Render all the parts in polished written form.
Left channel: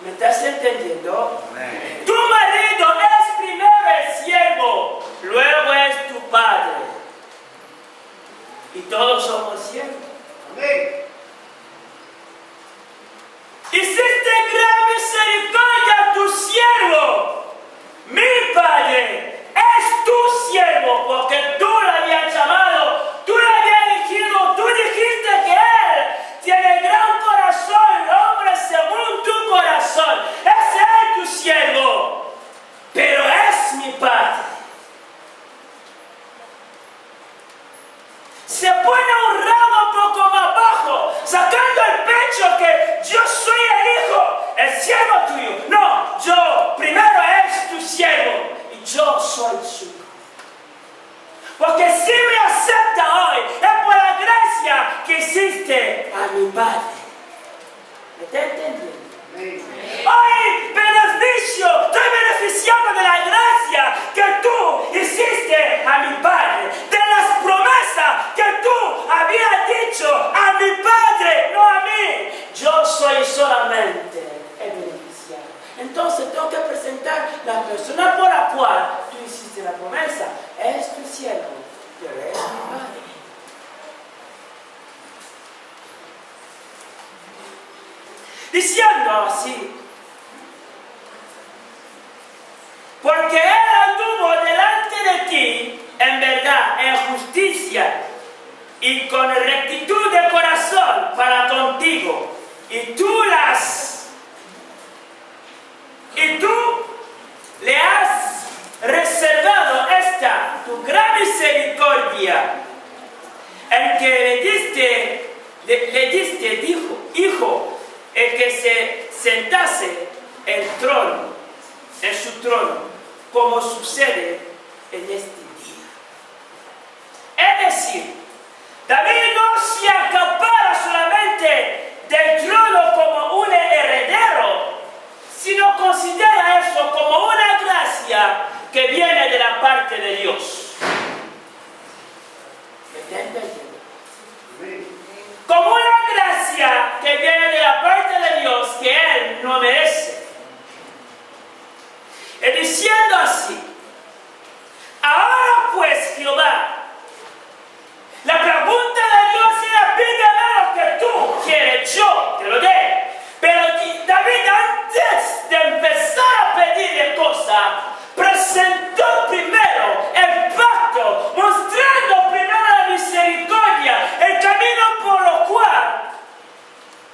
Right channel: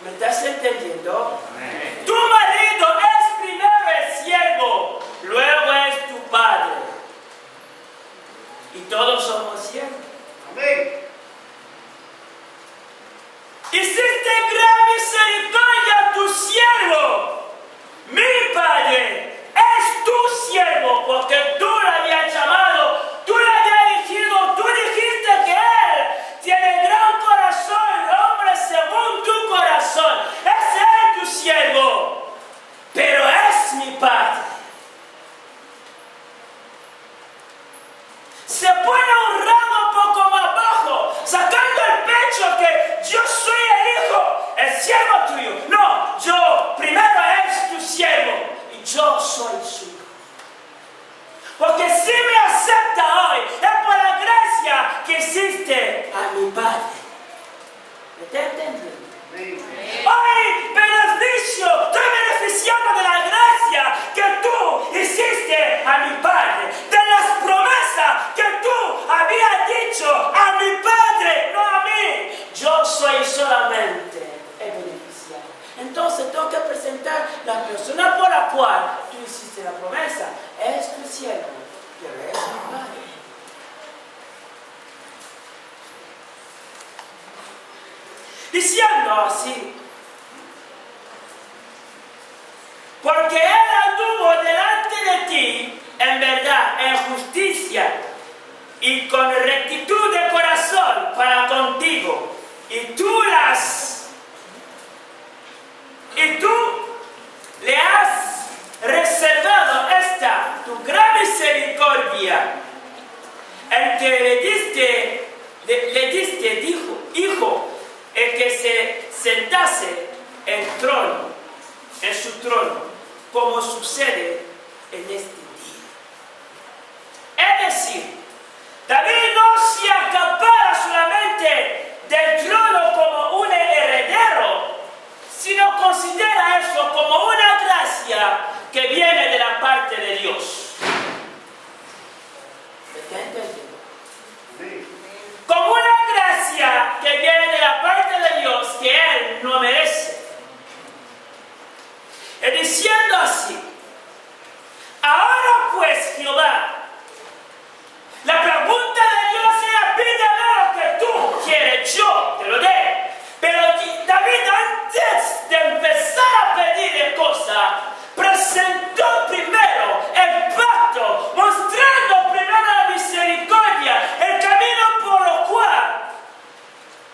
¿Me estás entendiendo? Tu marido es primero el siervo, luego es tu padre. Y todos somos siervos. Amén. Hiciste gran misericordia a tu siervo. Mi padre es tu siervo, porque tú lo habías llamado, tú lo habías elegido, tú dijiste que él tiene gran corazón, hombre según tu corazón. Es él tu siervo, pero es mi padre. Se pone un ramo un poco más bajo, sacando el pecho que yo soy el hijo, el siervo tuyo. No, yo primero es tu siervo y yo soy su hijo. Porque si me acepta hoy, es por la gracia que hiciste a mi padre. ¿Me está entendiendo? Hoy beneficio, estoy beneficiando de la gracia que tú hiciste a mi padre, de las promesas que tú habías dicho a mi padre, no a mí. Yo soy solamente el beneficiario. Entonces tengo que presentar la persona por la cual tú hiciste la promesa. Es tu siervo, pero es mi padre. Diciendo así, porque él anduvo delante de ti en verdad, en justicia y con rectitud de corazón para contigo, y tú le has reservado esta tu gran misericordia, el que le diste dijo, hijo, el que se sentase en su trono, como sucede en este día. Es decir, David no se acapara solamente del trono como un heredero, sino considera eso como una gracia que viene de la parte de Dios. ¿Me está entendiendo? Como una gracia que viene de la parte de Dios que él no merece. Y diciendo así, ahora pues Jehová, la pregunta de Dios era, pídeme lo que tú quieres, yo te lo dé. Pero David, antes de empezar a pedirle cosas, presentó primero el pacto, mostrando primero la misericordia, el camino por lo cual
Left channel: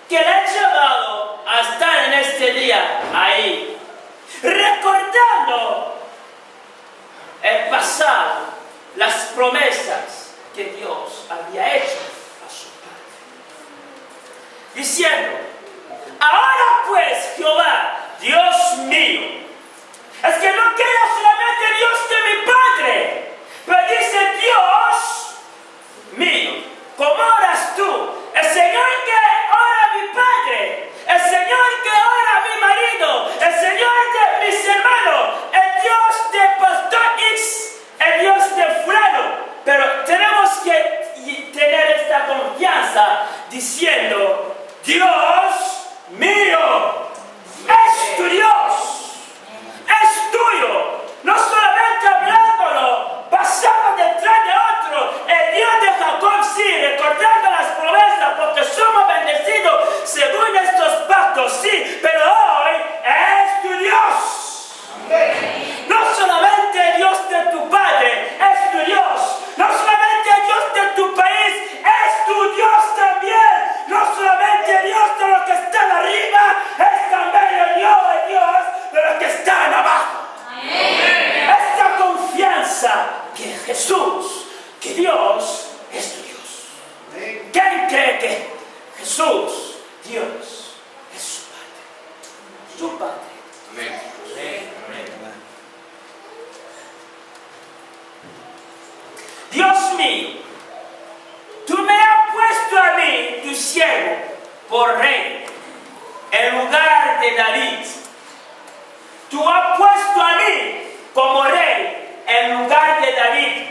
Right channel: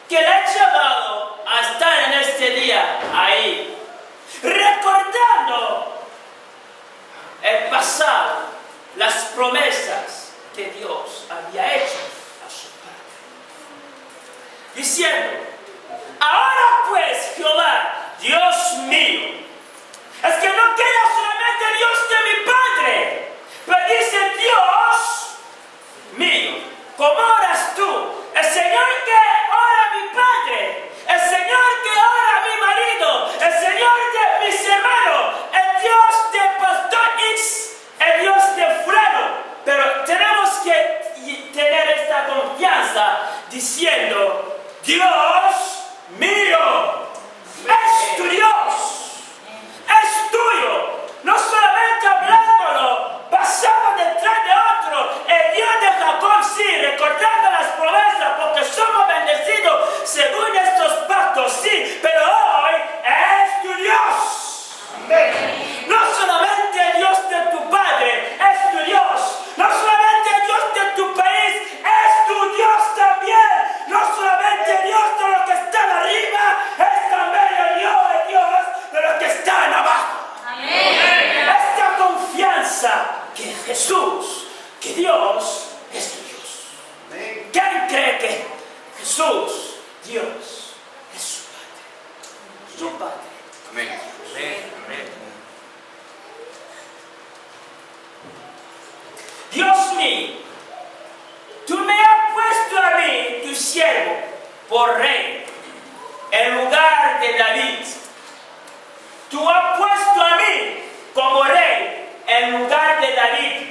que le ha llevado a estar en este día ahí, recordando el pasado, las promesas que Dios había hecho a su padre, diciendo, ahora pues Jehová, Dios mío, es que no queda solamente Dios de mi padre, pero dice Dios mío, como oras tú, el Señor que ora a mi padre, el Señor que ora a mi marido, el Señor de mis hermanos, el Dios de Pastor X, el Dios de fulano. Pero tenemos que tener esta confianza diciendo, Dios mío, es tu Dios, es tuyo, no solamente hablándolo, pasando detrás de otro, el Dios de Jacob sí, recordando las promesas, porque somos bendecidos según estos pactos, sí, pero hoy es tu Dios. No solamente Dios de tu padre, es tu Dios. No solamente Dios de tu país, es tu Dios también. No solamente Dios de los que están arriba, es también el Dios de los que están abajo. Amén. Esta confianza que Jesús, que Dios es tu Dios. Amén. ¿Quién cree que Jesús, Dios, es su Padre? Su Padre. Amén. Dios mío, tú me has puesto a mí, tu siervo, por rey, en lugar de David. Tú has puesto a mí como rey, en lugar de David.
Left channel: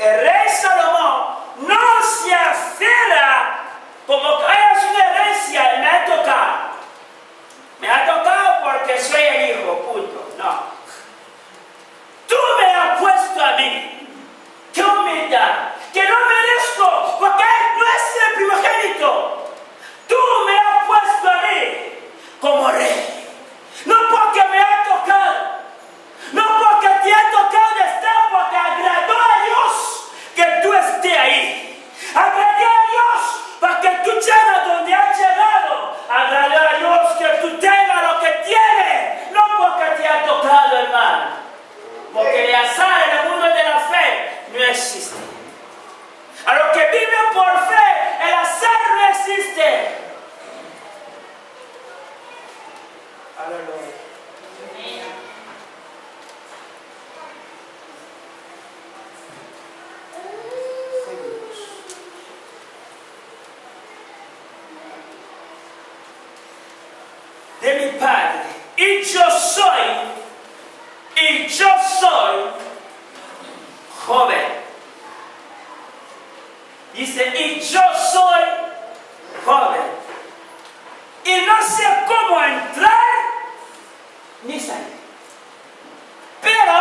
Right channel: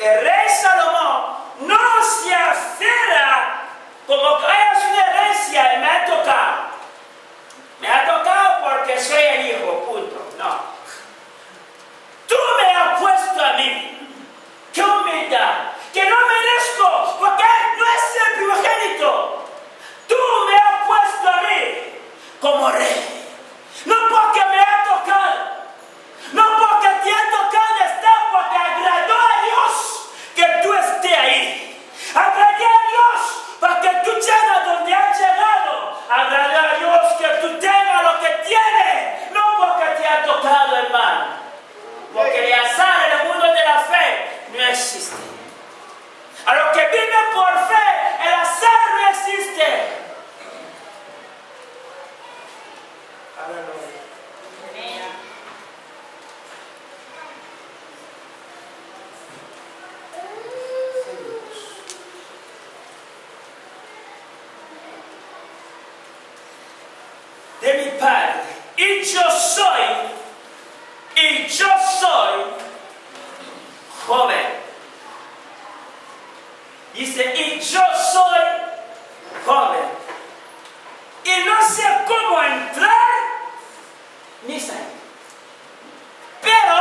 El rey Salomón, no se afirma como que es una herencia y me ha tocado. existe. A los que viven por fe, el azar no existe. Aleluya. De mi Padre, y yo soy joven. Dice, y yo soy joven. Y no sé cómo entrar ni salir. Pero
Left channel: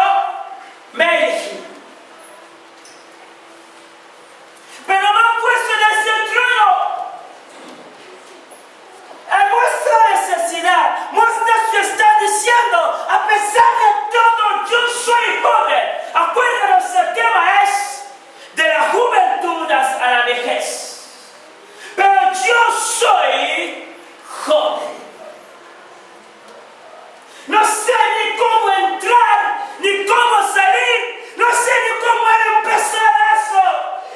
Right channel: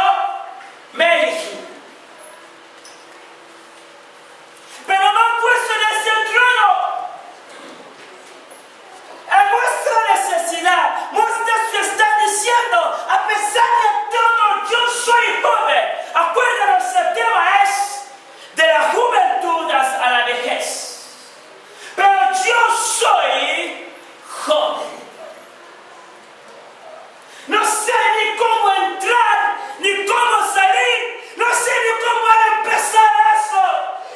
me elegí. Pero no puesto en ese trono. En vuestra necesidad, muchos están diciendo, a pesar de todo, yo soy joven. Acuérdanos, el tema es de la juventud a la vejez. Pero yo soy joven. No sé ni cómo entrar, ni cómo salir, no sé ni cómo empezar eso.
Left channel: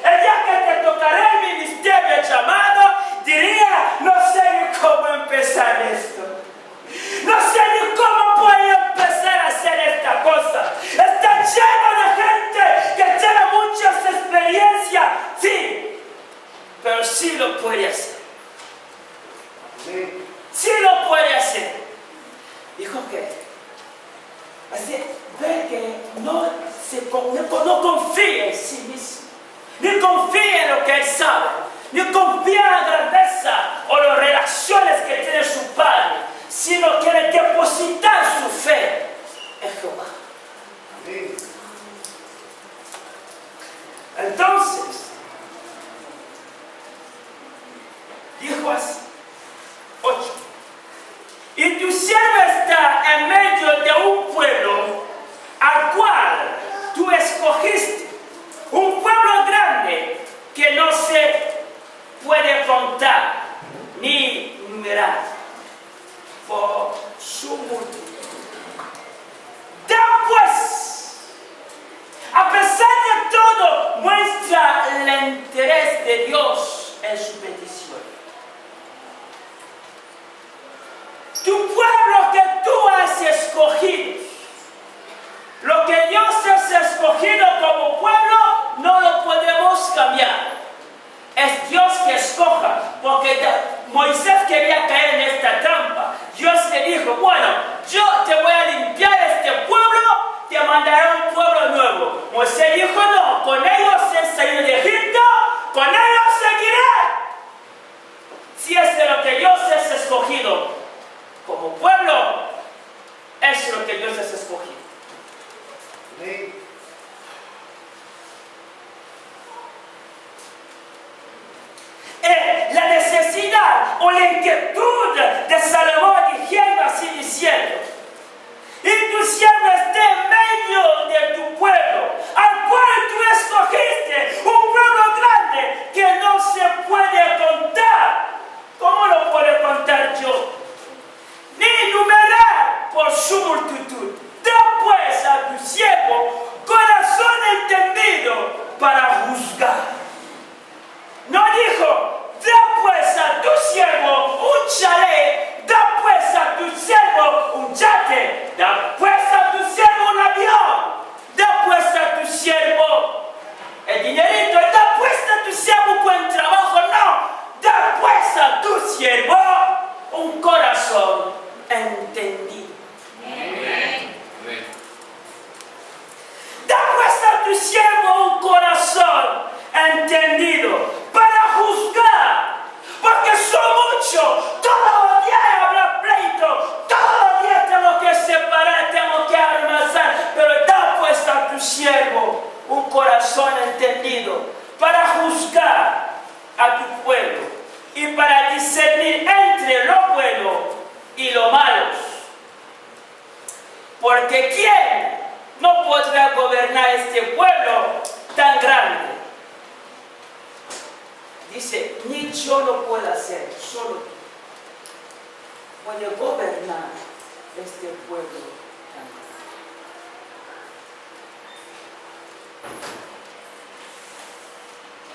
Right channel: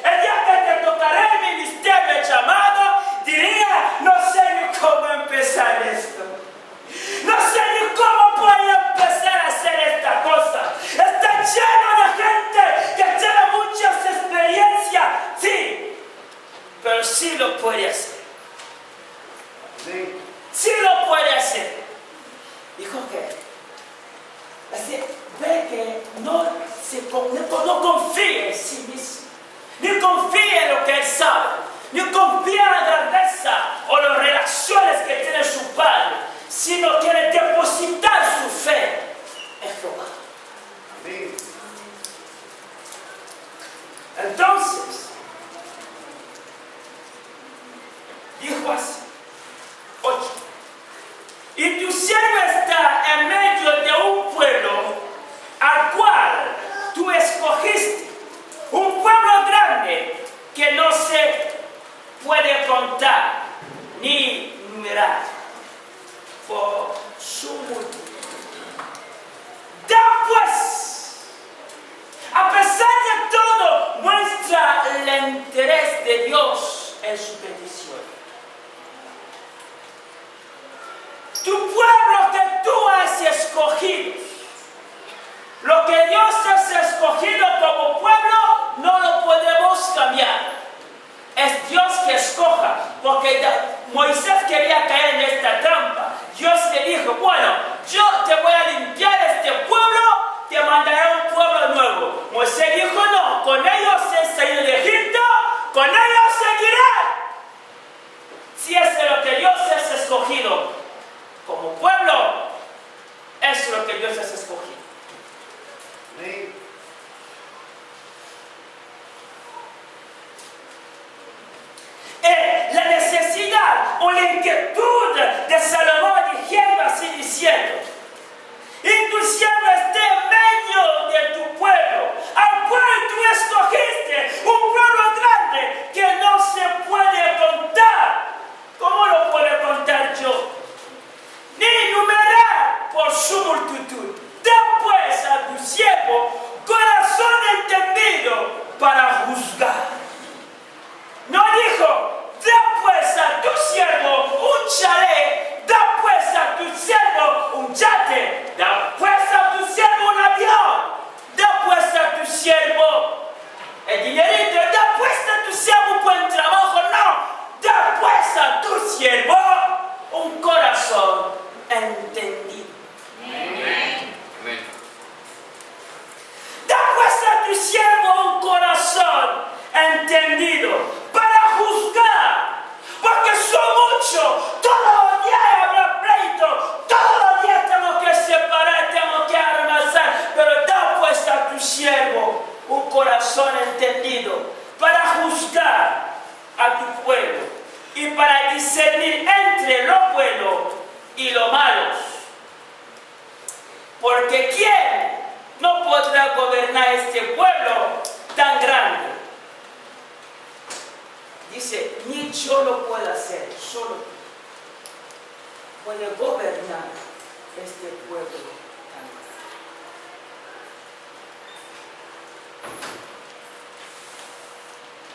El día que te tocaré el ministerio, el llamado, diría, no sé ni cómo empezar esto. No sé ni cómo puedo empezar a hacer esta cosa. Está lleno de gente que tiene muchas experiencias, sí, pero sí lo puede hacer. Sí lo puede hacer. Dijo que así, ve que no confía en sí mismo, ni confía en lo que él sabe, ni confía en la grandeza o las relaciones que tiene su padre, sino quiere depositar su fe en Jehová. Entonces, dijo así, 8. Y tu siervo está en medio de un pueblo al cual tú escogiste, un pueblo grande que no se puede contar ni numerar por su multitud. Da pues, a pesar de todo, muestra el interés de Dios en su petición. Tu pueblo que tú has escogido, lo que Dios has escogido como pueblo, no lo podemos cambiar. Es Dios que escoja, porque Moisés quería caer en esta trampa. Dios le dijo, bueno, yo te voy a limpiar este pueblo, te mandaré un pueblo nuevo. Moisés dijo, no, con ellos he salido de Egipto, con ellos seguiré. Si es lo que Dios has escogido como pueblo, es lo que Dios has escogido. La necesidad o la inquietud de Salomón diciendo, y tu siervo esté en medio de tu pueblo, al cual tú escogiste, un pueblo grande que no se puede contar. ¿Cómo lo puedo contar yo? Ni numerar por su multitud. Da pues a tu siervo corazón entendido para juzgar. No dijo, da pues a tu siervo un chalet, da pues a tu siervo un yate, da pues a tu siervo un avión, da pues a tu siervo el dinerito, da pues a tu siervo un buen trabajo, no, da pues a tu siervo un corazón entendido. Da pues a tu siervo un corazón entendido para juzgar, porque son muchos, todos los días habrá pleito, todos los días tengo que separar, tengo que almacenar, pero da pues a tu siervo un corazón entendido para juzgar a tu pueblo y para discernir entre lo bueno y lo malo. Porque ¿quién no podrá gobernar este pueblo tan grande? Dice, ni yo lo puedo hacer, solo tú puedes gobernar este pueblo tan grande.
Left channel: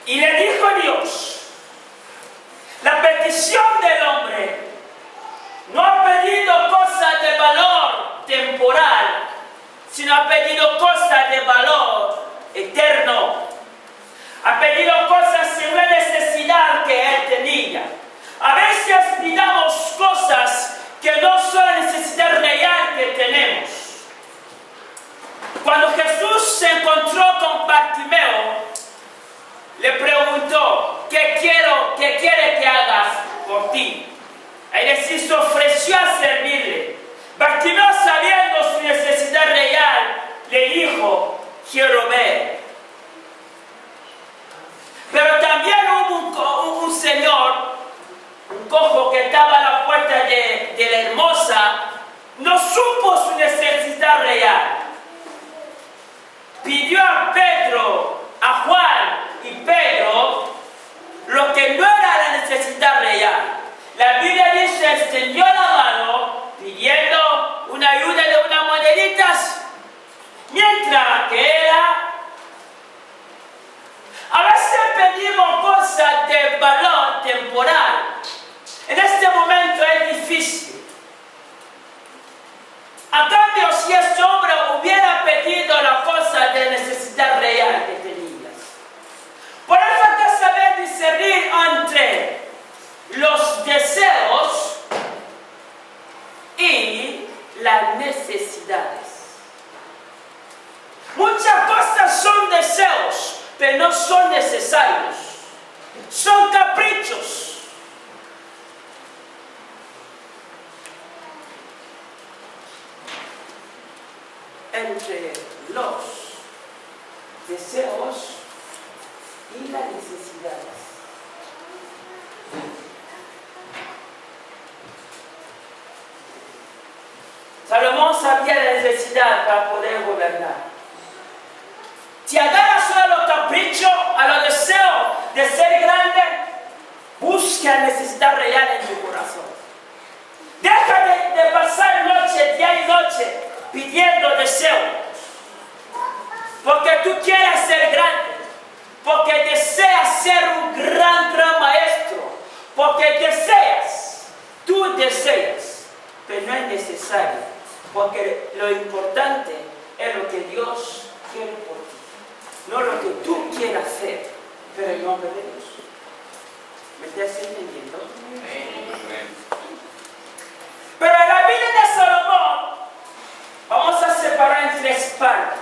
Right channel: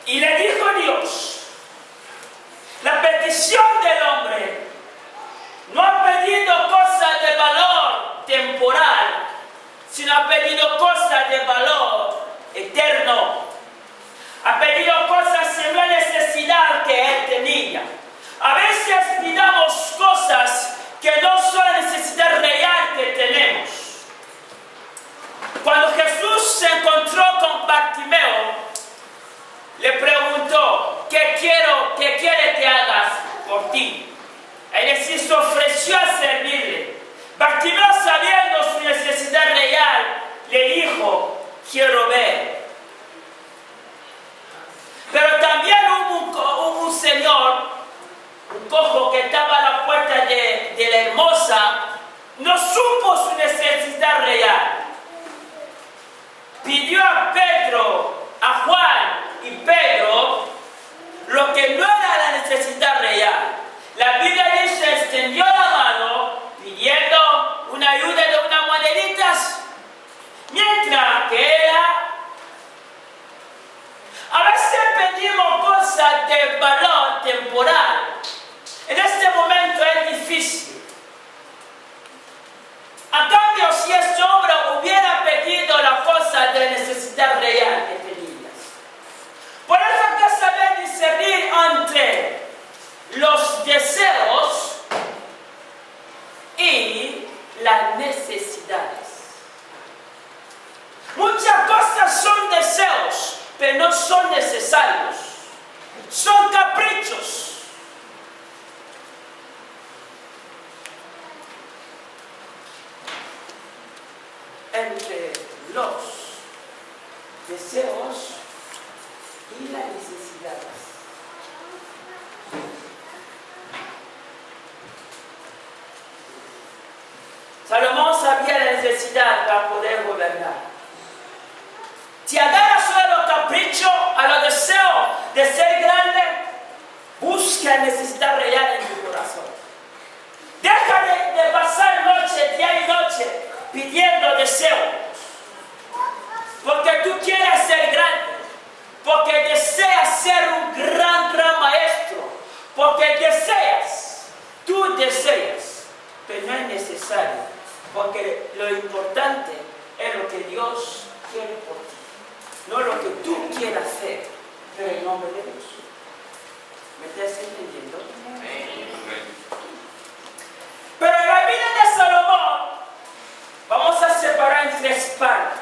Y le dijo Dios, la petición del hombre no ha pedido cosas de valor temporal, sino ha pedido cosas de valor eterno. Ha pedido cosas sin la necesidad que él tenía. A veces pidamos cosas que no son la necesidad real que tenemos. Cuando Jesús se encontró con Bartimeo, le preguntó, ¿qué quiere que hagas por ti? Él se ofreció a servirle. Bartimeo, sabiendo su necesidad real, le dijo, quiero ver. Pero también hubo un señor, un cojo que estaba a la puerta de la hermosa, no supo su necesidad real. Pidió a Pedro, a Juan y Pedro lo que no era la necesidad real. La Biblia dice, extendió la mano pidiendo una ayuda de unas moneditas, mientras que era. A veces pedimos cosas de valor temporal. En este momento es difícil. A cambio, si este hombre hubiera pedido la cosa de necesidad real que tenías. Por eso hay que saber discernir entre los deseos y las necesidades. Muchas cosas son deseos, pero no son necesarios. Son caprichos. Entre los deseos y las necesidades. Salomón sabía la necesidad para poder gobernar. Si agarras solo a los caprichos, a los deseos de ser grande, busca la necesidad real en tu corazón. Deja de pasar noche, día y noche, pidiendo deseos. Porque tú quieres ser grande. Porque deseas ser un gran maestro. Porque tú deseas, pero no es necesario. Porque lo importante es lo que Dios quiere por ti. No lo que tú quieras hacer, pero en nombre de Dios. ¿Me estás entendiendo? Pero en la vida de Salomón, vamos a separar en tres partes.